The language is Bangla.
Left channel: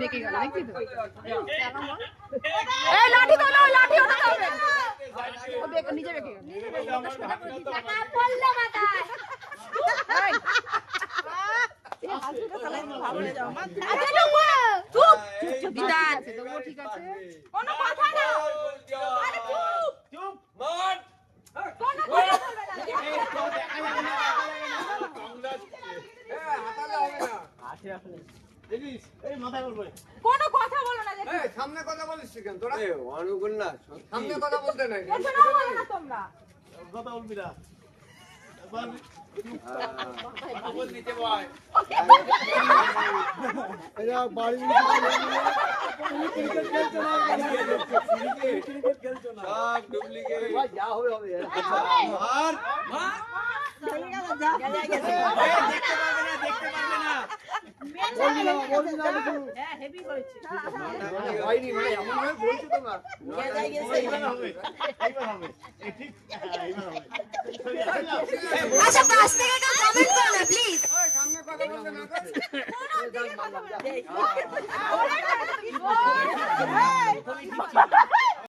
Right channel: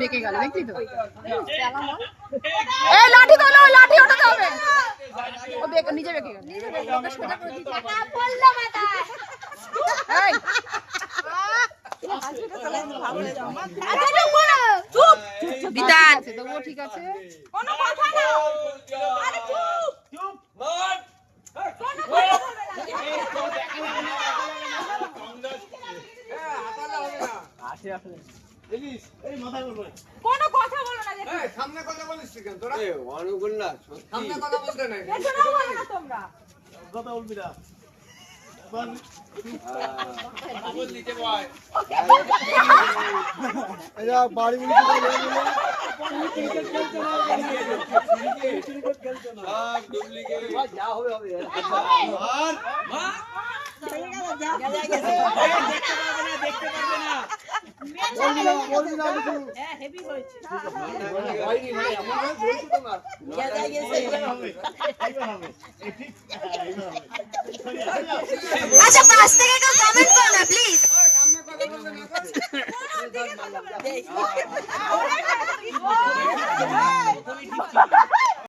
বেঁকে গেল দেখলি তো এই লাঠি তো ওই লাঠি ওঠাতে হবে ও বেঁকে নিজে বেঁকে গেল বিধান ঠিক আছে কোনো কথা না আরে চুপ চুপ মার কোনো কথা বলবে না আছে আছে দেখিস এই মাথায় বলবে কোনো কথা বলো না দেখি এই সামনে কথা বলিস কেন তোরা এই অনুগুণ না সামনে কথা বলতে নাই এটা না বলো না তোমরা কথা বলবি না বল নিচে বয় এরা বাড়ি ক্রিকেট খেলতে না ক্রিকেট খেলতে না সব ডুপ্লিকেট ভাই যা হবে হবে আর চলে গেল যা দেখতে পারবে না বলবি না কিছু হ্যাঁ হেভি হয়েছে হয়নি মানে এমন ভাবে বলছো তোমরা গেছে গেছে এইবার হবে এই ঠিক এইবার হবে আচ্ছা পাশ থেকে কমেন্ট করো না প্লিজ ওই সামনে কথা বলবে না তো কোন দিকে কথা বলবে